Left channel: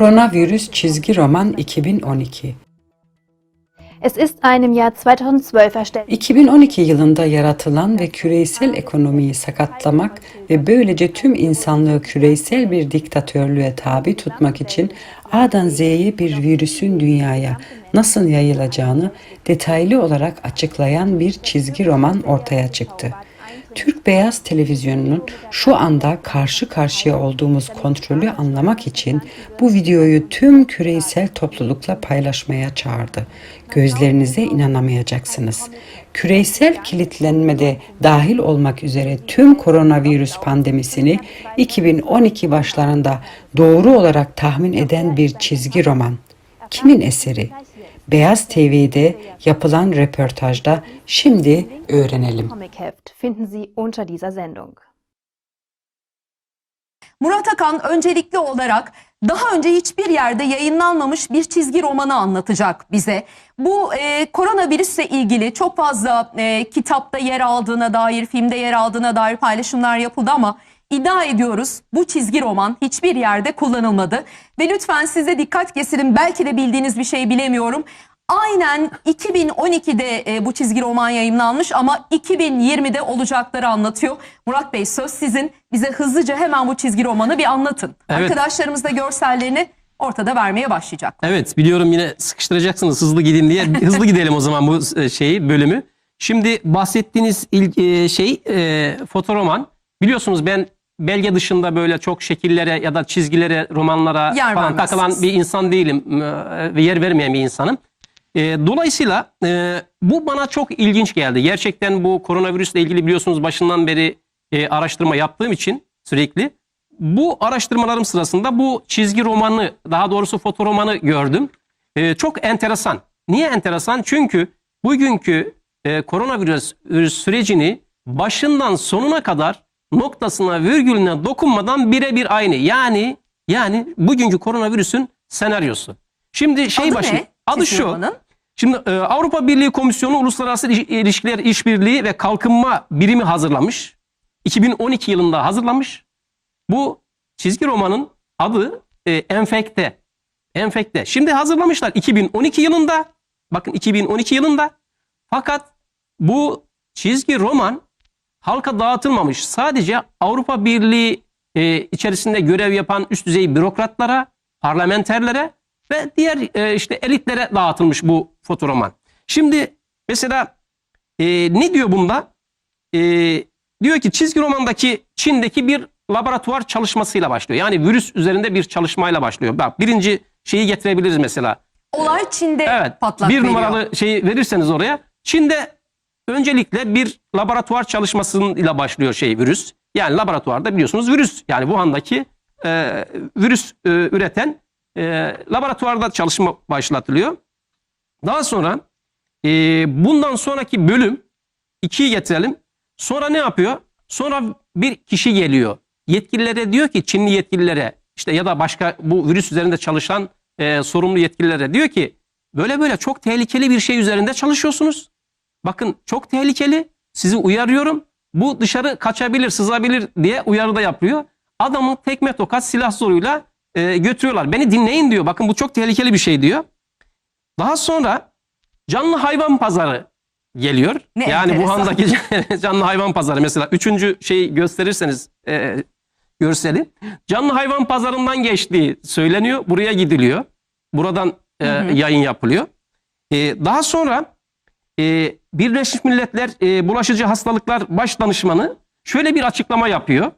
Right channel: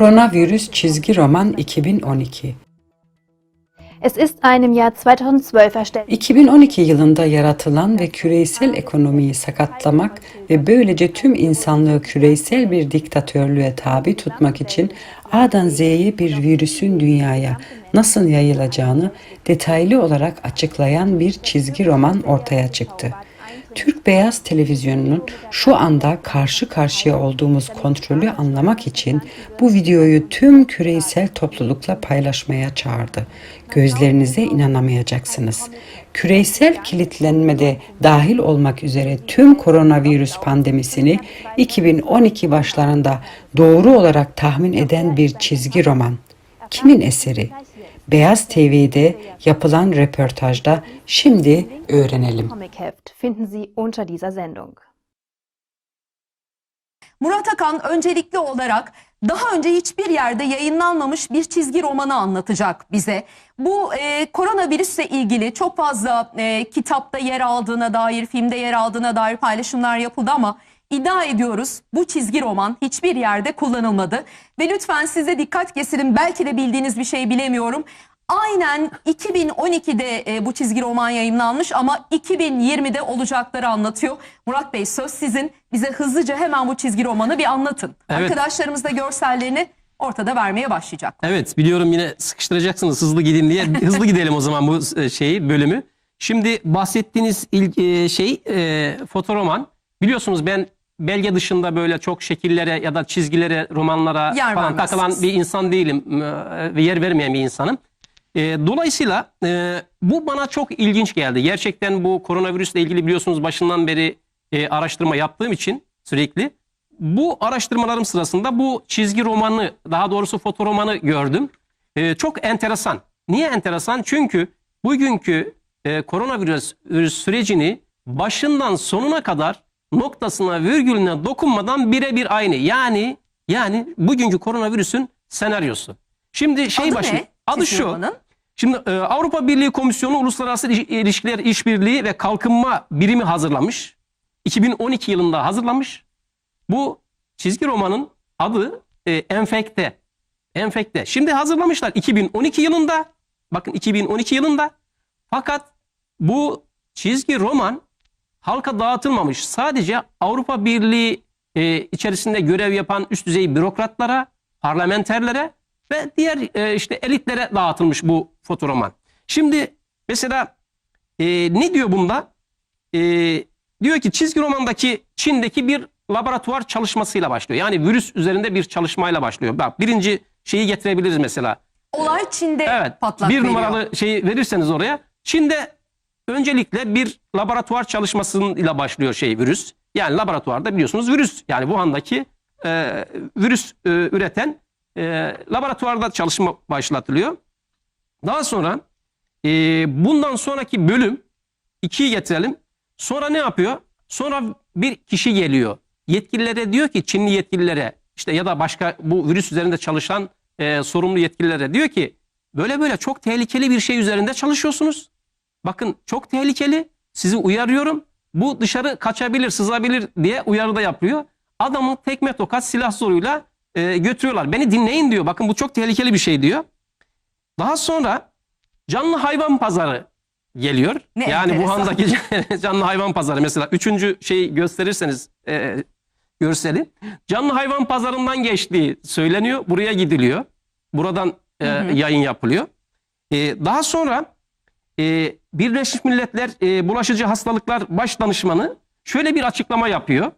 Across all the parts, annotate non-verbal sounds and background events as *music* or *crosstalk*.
Koronavirüs çizgi roman 2012 Es ist einem Jahr 2012 erstellt. 2012 yılında yaratılan ve küresel ekonomiyi sakatlamak ve böylece tüm insanlığı küresel bir diktatörlüğe tabi tutmak için A'dan Z'ye bir virüsün dünyaya nasıl yayılacağını detaylı olarak açıklayan bir çizgi roman ortaya çıktı. Türk Beyaz Televizyonu'nun şu anda karşı karşıya olduğumuz kontrolü anlamak için bu videoyu tüm küresel toplulukla paylaşmaya çağırdı. Gözlerinize inanamayacaksınız. Küresel kilitlenmede dahil olmak üzere tüm koronavirüs pandemisini 2012 başlarında doğru olarak tahmin eden bir çizgi roman. Kimin eseri? Beyaz TV'de yapılan röportajda şimdi öğrenelim. Murat Akan öncelikli olarak daha önce hiçbir yerde yayınlanmamış bir çizgi romanı anlatacak bize. Bu e, koronavirüsle ilgili çok fazla e, kitapta yer aldığına dair, filmde yer aldığına dair paylaşımlar yapıldı ama iddia ediyoruz bu çizgi roman hiçbir yerde kullanılmadı. Ve lütfen size dikkat kesilin belki de bildiğiniz bir şey bilemiyorum. Aynen 2012'de e, bu çizgi roman yayınlanmış ama 2020'de olacakları anlatıyor. Murat Bey söz sizin. Bize hızlıca hemen bu çizgi romanı bir anlatın. Evet. Arkadaşlarımız da görsellerini ortada vermeye başlayacak. Evet biliyorum yine sıkıştıracaksınız hızlı gidin diye. *laughs* Hızlı gidelim o zaman bu e, şeyi bölümü. Şimdi bahsettiğiniz il- e, şey e, fotoroman. Biliyorsunuz ben belge dışında böyle çok şekillere ya da çizgilere, romanlara Yer falan takılan bir insan değilim e, ve yer vermeyen bir insanım. E, dolayısıyla e, bu bana çok ilginç geldi. Gerçekten bu koronavirüsle ilgili biliyorsunuz başından beri e, araştırma yaptığım için sürekli bu araştırmalarım sırasında bu çizgi romanı daha doğrusu fotoromanı gördüm. E, çok enteresan. Niye enteresan? Çünkü bugünkü e, koronavirüs virüs sürecini başından sonuna kadar noktasına virgülüne dokunmadan birebir aynı. Yani yani bugünkü koronavirüsün senaryosu. Şimdi şey Adı başı ne? adı şu. Şimdi e, Avrupa Birliği Komisyonu Uluslararası İliş- İlişkiler İşbirliği ve Kalkınma Birimi hazırlamış. 2012 yılında hazırlamış. Bu çizgi romanın adı e, Enfekte. Enfekte. Şimdi hazırlamışlar 2012 yılında. Bakın 2012 yılında. Fakat bu çizgi roman halka dağıtılmamış. Sadece Avrupa Birliği e, içerisinde görev yapan üst düzey bürokratlara, parlamenterlere ve diğer e, işte elitlere dağıtılmış bu fotoroman. Şimdi mesela e, ne diyor bunda? E, diyor ki çizgi romandaki Çin'deki bir laboratuvar çalışmasıyla başlıyor. Yani virüs üzerinde bir çalışmayla başlıyor. Bak birinci şeyi getirebiliriz mesela. Olay Çin'de Evet. patlak bir veriyor. numaralı şeyi verirseniz oraya. Çin'de öncelikle bir laboratuvar çalışmasıyla başlıyor şey virüs. Yani laboratuvarda biliyorsunuz virüs yani Wuhan'daki e, virüs e, üreten e, laboratuvarda çalışma başlatılıyor. Daha sonra e, bundan sonraki bölüm ikiyi getirelim. Sonra ne yapıyor? Sonra bir kişi geliyor. Yetkililere diyor ki Çinli yetkililere işte ya da başka bu virüs üzerinde çalışan e, sorumlu yetkililere diyor ki böyle böyle çok tehlikeli bir şey üzerinde çalışıyorsunuz. Bakın çok tehlikeli. Sizi uyarıyorum. Bu dışarı kaçabilir, sızabilir diye uyarıda yapıyor. Adamı tekme tokat silah zoruyla e, götürüyorlar. Beni dinleyin diyor. Bakın bu çok tehlikeli bir şey diyor. Daha sonra canlı hayvan pazarı geliyor. Ne yani enteresan. Wuhan'daki *laughs* canlı hayvan pazarı mesela üçüncü şeyi gösterirseniz e, görseli. Canlı hayvan pazarından geçtiği söyleniyor. Buraya gidiliyor. Buradan e, yayın yapılıyor. E, daha sonra e, Birleşmiş Milletler e, Bulaşıcı Hastalıklar Baş Danışmanı şöyle bir açıklama yapıyor.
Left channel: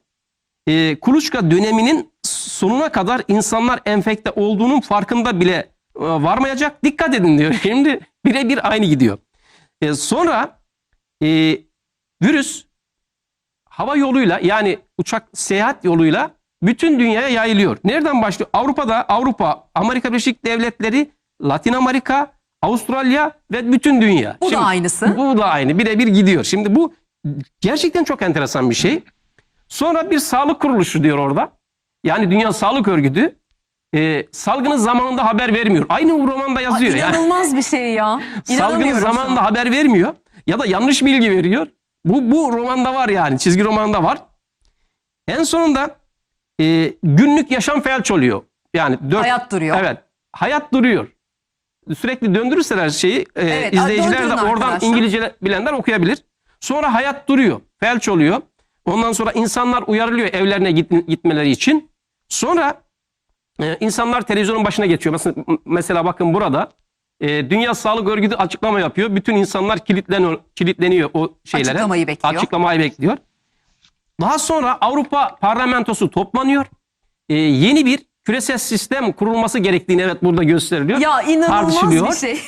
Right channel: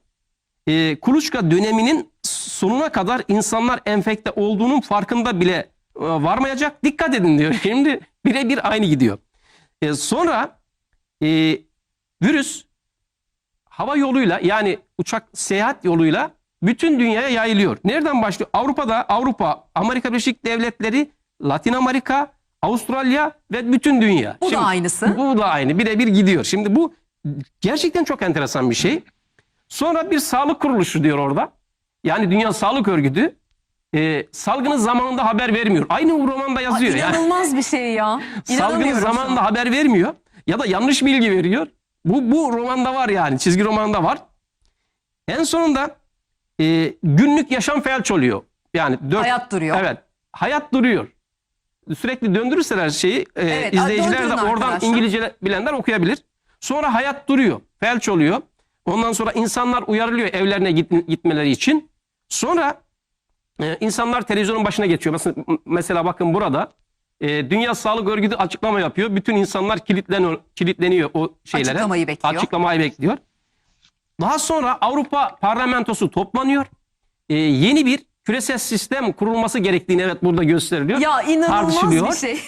E, kuluçka döneminin sonuna kadar insanlar enfekte olduğunun farkında bile e, varmayacak. Dikkat edin diyor. *laughs* Şimdi birebir aynı gidiyor. E, sonra e, virüs hava yoluyla yani uçak seyahat yoluyla bütün dünyaya yayılıyor. Nereden başlıyor? Avrupa'da Avrupa, Amerika Birleşik Devletleri, Latin Amerika, Avustralya ve bütün dünya. Bu da aynısı. Bu da aynı. Birebir gidiyor. Şimdi bu gerçekten çok enteresan bir şey. Sonra bir sağlık kuruluşu diyor orada. Yani Dünya Sağlık Örgütü e, salgının zamanında haber vermiyor. Aynı bu romanda yazıyor. yani. İnanılmaz bir şey ya. *laughs* Salgının zamanında haber vermiyor ya da yanlış bilgi veriyor. Bu bu romanda var yani çizgi romanda var. En sonunda e, günlük yaşam felç oluyor. Yani dört, Hayat duruyor. Evet. Hayat duruyor. Sürekli döndürürseler şeyi e, Evet, izleyiciler de oradan arkadaşlar. İngilizce bilenler okuyabilir. Sonra hayat duruyor. Felç oluyor. Ondan sonra insanlar uyarılıyor evlerine git- gitmeleri için. Sonra e, insanlar televizyonun başına geçiyor. Mesela, mesela bakın burada e, Dünya Sağlık Örgütü açıklama yapıyor. Bütün insanlar kilitleniyor, kilitleniyor o şeylere. Açıklamayı bekliyor. Açıklamayı bekliyor. Daha sonra Avrupa Parlamentosu toplanıyor. E, yeni bir küresel sistem kurulması gerektiğini evet burada gösteriliyor. Ya inanılmaz bir şey.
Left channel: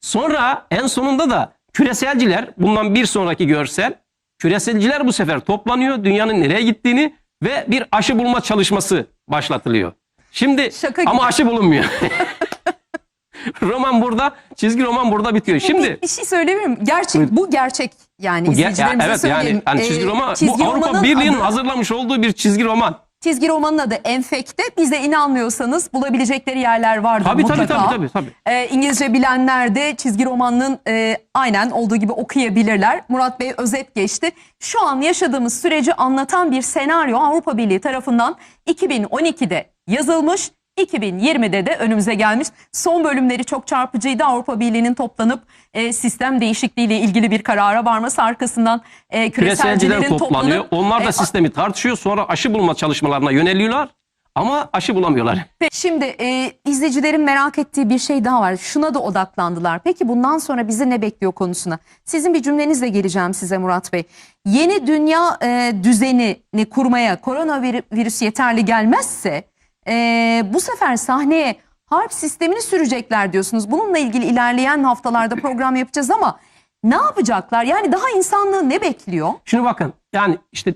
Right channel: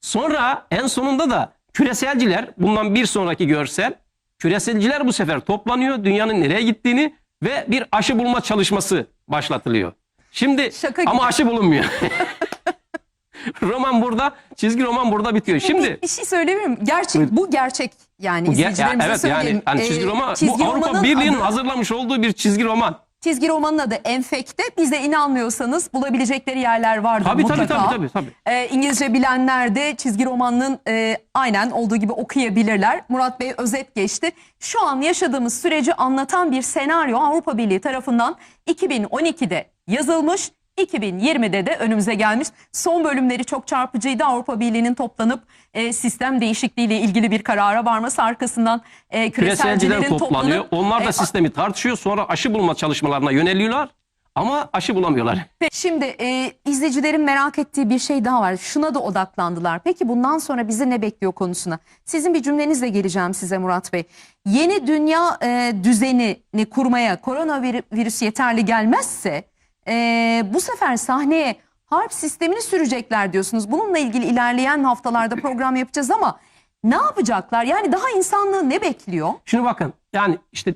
Sonra en sonunda da küreselciler bundan bir sonraki görsel küreselciler bu sefer toplanıyor dünyanın nereye gittiğini ve bir aşı bulma çalışması başlatılıyor. Şimdi Şaka gibi. ama aşı bulunmuyor. *laughs* roman burada, çizgi roman burada bitiyor. Şimdi bir şey söyleyebilir miyim? Gerçek, bu gerçek yani bu ge- ya izleyicilerimize evet söyleyeyim. yani, yani çizgi Ee, roman çizgi bu Avrupa Birliği'nin hazırlamış olduğu bir çizgi roman. Çizgi romanın adı Enfekte. Bize inanmıyorsanız bulabilecekleri yerler vardır Tabii tabii mutlaka. tabii tabii tabii. Ee, İngilizce bilenler de çizgi romanının e, aynen olduğu gibi okuyabilirler. Murat Bey özet geçti. Şu an yaşadığımız süreci anlatan bir senaryo Avrupa Birliği tarafından 2012'de yazılmış. 2020'de de önümüze gelmiş. Son bölümleri çok çarpıcıydı. Avrupa Birliği'nin toplanıp e, sistem değişikliğiyle ilgili bir karara varması arkasından e, Küreselciler toplanıyor. toplanıp Onlar da e, sistemi tartışıyor. Sonra aşı bulma çalışmalarına yöneliyorlar. Ama aşı bulamıyorlar. Şimdi e, izleyicilerin merak ettiği bir şey daha var. Şuna da odaklandılar. Peki bundan sonra bizi ne bekliyor konusuna? Sizin bir cümlenizle geleceğim size Murat Bey. Yeni dünya e, düzenini kurmaya koronavirüs yeterli gelmezse e, bu sefer sahneye harp sistemini sürecekler diyorsunuz. Bununla ilgili ilerleyen haftalarda program yapacağız ama ne yapacaklar? Yani daha insanlığı ne bekliyor? Şimdi bakın yani işte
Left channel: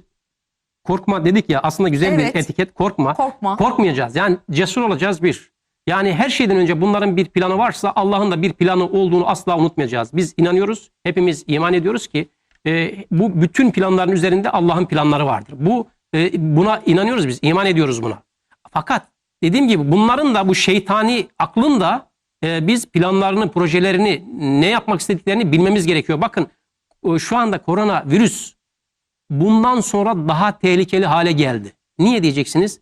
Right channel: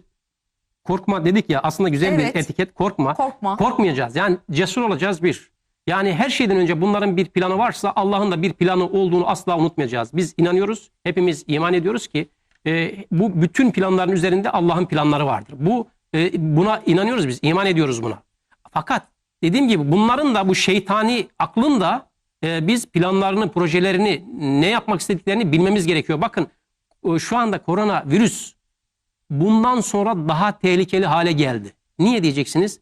korkma dedik ya aslında güzel Evet. bir etiket korkma. Korkma. Korkmayacağız yani cesur olacağız bir. Yani her şeyden önce bunların bir planı varsa Allah'ın da bir planı olduğunu asla unutmayacağız. Biz inanıyoruz, hepimiz iman ediyoruz ki e, bu bütün planların üzerinde Allah'ın planları vardır. Bu e, buna inanıyoruz biz, iman ediyoruz buna. Fakat dediğim gibi bunların da bu şeytani aklın da e, biz planlarını, projelerini, ne yapmak istediklerini bilmemiz gerekiyor. Bakın e, şu anda koronavirüs bundan sonra daha tehlikeli hale geldi. Niye diyeceksiniz?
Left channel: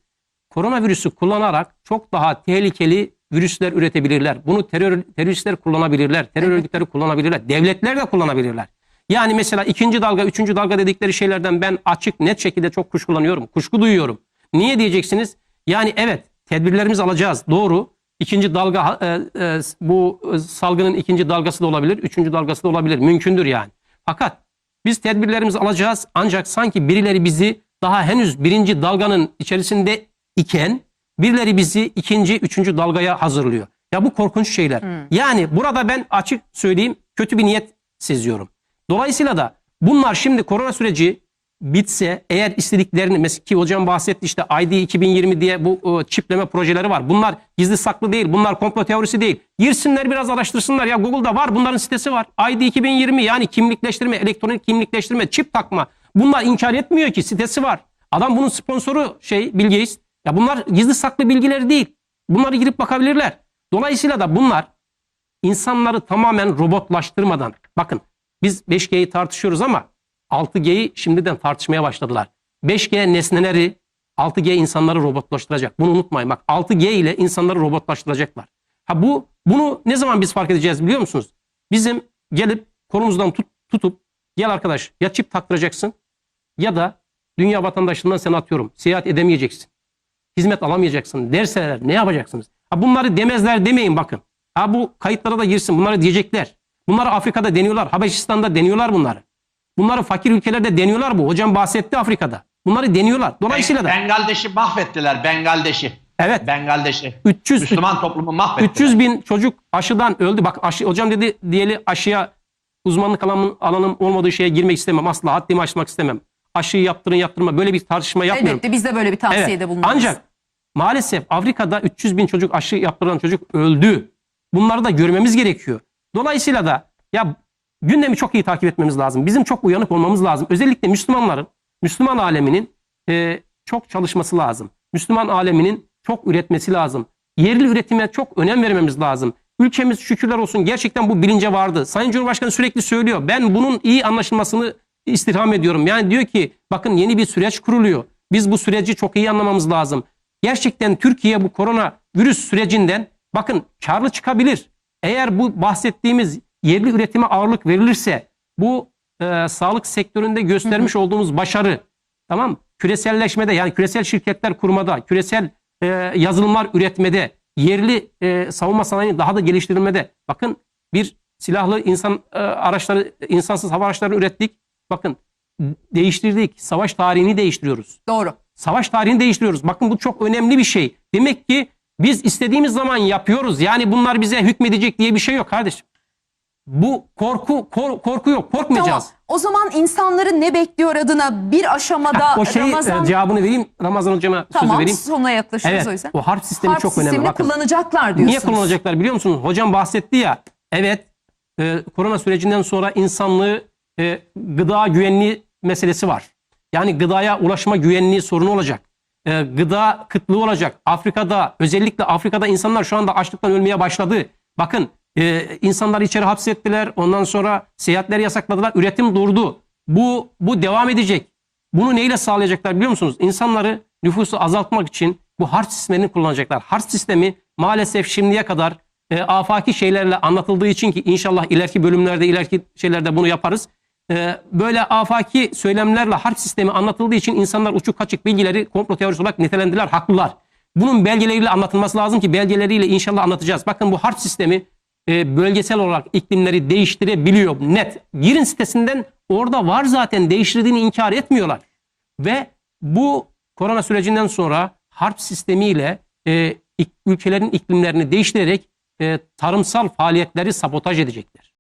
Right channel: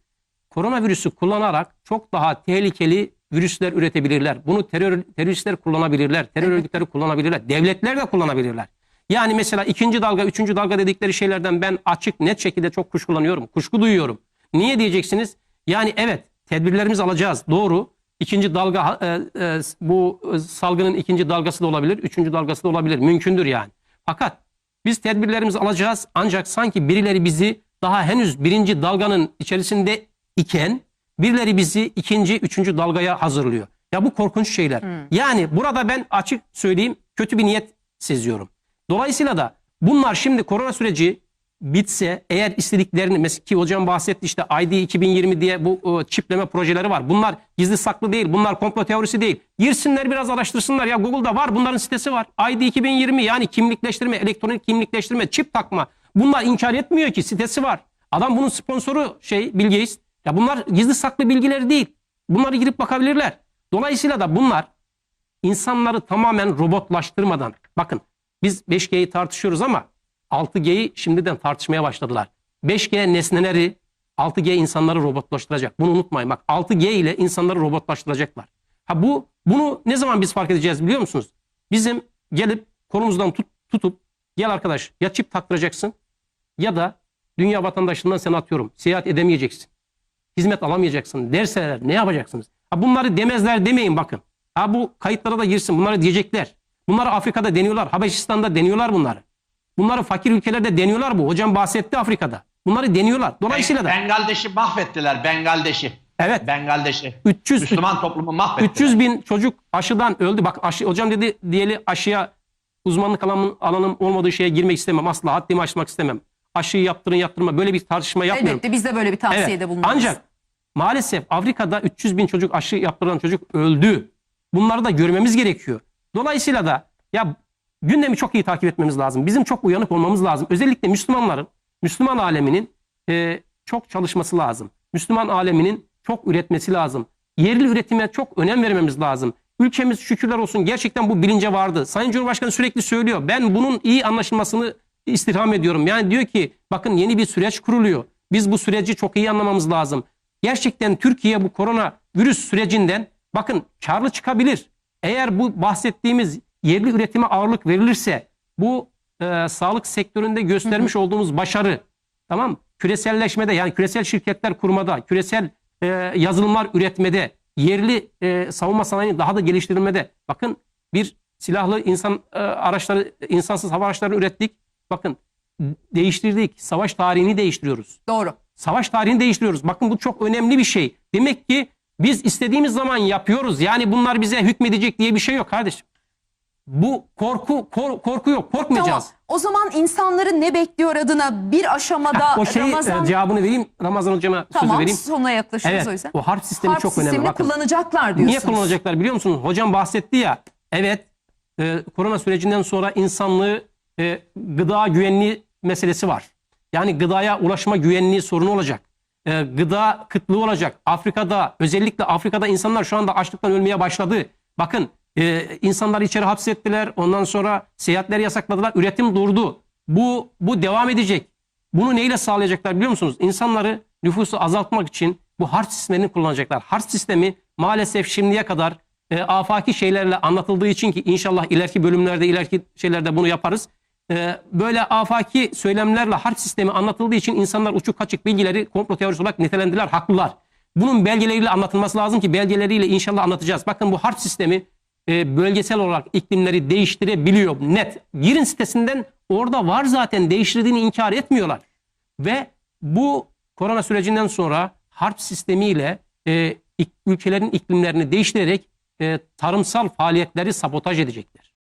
Koronavirüsü kullanarak çok daha tehlikeli virüsler üretebilirler. Bunu terör, teröristler kullanabilirler, terör örgütleri kullanabilirler, devletler de kullanabilirler. Yani mesela ikinci dalga, üçüncü dalga dedikleri şeylerden ben açık, net şekilde çok kuşkulanıyorum, kuşku duyuyorum. Niye diyeceksiniz? Yani evet, tedbirlerimizi alacağız, doğru. İkinci dalga, e, e, bu e, salgının ikinci dalgası da olabilir, üçüncü dalgası da olabilir, mümkündür yani. Fakat biz tedbirlerimizi alacağız ancak sanki birileri bizi daha henüz birinci dalganın içerisinde iken birileri bizi ikinci, üçüncü dalgaya hazırlıyor. Ya bu korkunç şeyler. Yani burada ben açık söyleyeyim kötü bir niyet seziyorum. Dolayısıyla da bunlar şimdi korona süreci bitse eğer istediklerini mesela ki hocam bahsetti işte ID 2020 diye bu e, çipleme projeleri var. Bunlar gizli saklı değil. Bunlar komplo teorisi değil. Girsinler biraz araştırsınlar. Ya Google'da var bunların sitesi var. ID 2020 yani kimlikleştirme, elektronik kimlikleştirme, çip takma. Bunlar inkar etmiyor ki sitesi var. Adam bunun sponsoru şey Bill. Ya bunlar gizli saklı bilgileri değil. Bunları girip bakabilirler. Dolayısıyla da bunlar insanları tamamen robotlaştırmadan bakın biz 5G'yi tartışıyoruz ama 6G'yi şimdiden tartışmaya başladılar. 5G nesneleri 6G insanları robotlaştıracak. Bunu unutmayın. Bak 6G ile insanları robotlaştıracaklar. Ha bu bunu ne zaman biz fark edeceğiz biliyor musunuz? Bizim gelip kolumuzdan tut, tutup gel arkadaş ya çip taktıracaksın ya da dünya vatandaşlığından sen atıyorum. Seyahat edemeyeceksin. Hizmet alamayacaksın derseler ne yapacaksınız? Ha bunları demezler demeyin bakın. Ha bu kayıtlara da girsin. Bunları diyecekler. Bunları Afrika'da deniyorlar. Habeşistan'da deniyorlar bunları. Bunları fakir ülkelerde deniyorlar bu. Hocam bahsetti Afrika'da. Bunları deniyorlar. Dolayısıyla da Bengaldeş'i mahvettiler. Bengaldeş'i. evet Bengaldeş'i. 300 Müslüman toplumu mahvettiler. 300 bin çocuk aşıdan öldü. Bak aşı, hocam dedi diyeli aşıya uzmanlık alanım, alanım olmadığı şeye girmek istemem. Asla haddimi aşmak istemem. Aşıyı yaptırın yaptırma böyle bir tartışma yapmıyorum. Elbette biz de böyle bir tavsiyede Evet. bulunuruz. Ancak maalesef Afrika'da 300 bin çocuk aşı yaptıran çocuk öldü. Bunları da görmemiz gerekiyor. Dolayısıyla da ya gündemi çok iyi takip etmemiz lazım. Bizim çok uyanık olmamız lazım. Özellikle Müslümanların, Müslüman aleminin e, çok çalışması lazım. Müslüman aleminin çok üretmesi lazım. Yerli üretime çok önem vermemiz lazım. Ülkemiz şükürler olsun gerçekten bu bilince vardı. Sayın Cumhurbaşkanı sürekli söylüyor. Ben bunun iyi anlaşılmasını istirham ediyorum. Yani diyor ki bakın yeni bir süreç kuruluyor. Biz bu süreci çok iyi anlamamız lazım. Gerçekten Türkiye bu korona virüs sürecinden bakın karlı çıkabilir. Eğer bu bahsettiğimiz yerli üretime ağırlık verilirse bu e, sağlık sektöründe göstermiş olduğumuz başarı tamam küreselleşmede yani küresel şirketler kurmada, küresel e, yazılımlar üretmede, yerli e, savunma sanayini daha da geliştirilmede. Bakın bir silahlı insan e, araçları, insansız hava araçları ürettik. Bakın değiştirdik. Savaş tarihini değiştiriyoruz. Doğru. Savaş tarihini değiştiriyoruz. Bakın bu çok önemli bir şey. Demek ki biz istediğimiz zaman yapıyoruz. Yani bunlar bize hükmedecek diye bir şey yok kardeşim. Bu korku kor- korku yok. Tamam. Korkmayacağız. O zaman insanları ne bekliyor adına bir aşamada o şeyi Ramazan e, cevabını vereyim. Ramazan hocama sözü tamam vereyim. sonuna yaklaşıyoruz Evet. o yüzden. O harp sistemi Harp çok önemli. sistemini Bakın. kullanacaklar diyorsunuz. Niye kullanacaklar biliyor musunuz? Hocam bahsetti ya. Evet. e, korona sürecinden sonra insanlığı e, gıda güvenliği meselesi var. Yani gıdaya ulaşma güvenliği sorunu olacak. E, gıda kıtlığı olacak. Afrika'da özellikle Afrika'da insanlar şu anda açlıktan ölmeye başladı. Bakın e, insanları içeri hapsettiler. Ondan sonra seyahatleri yasakladılar. Üretim durdu. Bu bu devam edecek. Bunu neyle sağlayacaklar biliyor musunuz? İnsanları nüfusu azaltmak için bu harç sistemini kullanacaklar. Harç sistemi maalesef şimdiye kadar e, afaki şeylerle anlatıldığı için ki inşallah ileriki bölümlerde, ileriki şeylerde bunu yaparız. E, böyle afaki söylemlerle harç sistemi anlatıldığı için insanlar uçuk kaçık bilgileri komplo teorisi olarak nitelendiler, haklılar. Bunun belgeleriyle anlatılması lazım ki belgeleriyle inşallah anlatacağız. Bakın bu harç sistemi e, bölgesel olarak iklimleri değiştirebiliyor net. Girin sitesinden orada var zaten değiştirdiğini inkar etmiyorlar. Ve bu korona sürecinden sonra harp sistemiyle e, ülkelerin iklimlerini değiştirerek e, tarımsal faaliyetleri sabotaj edecekler.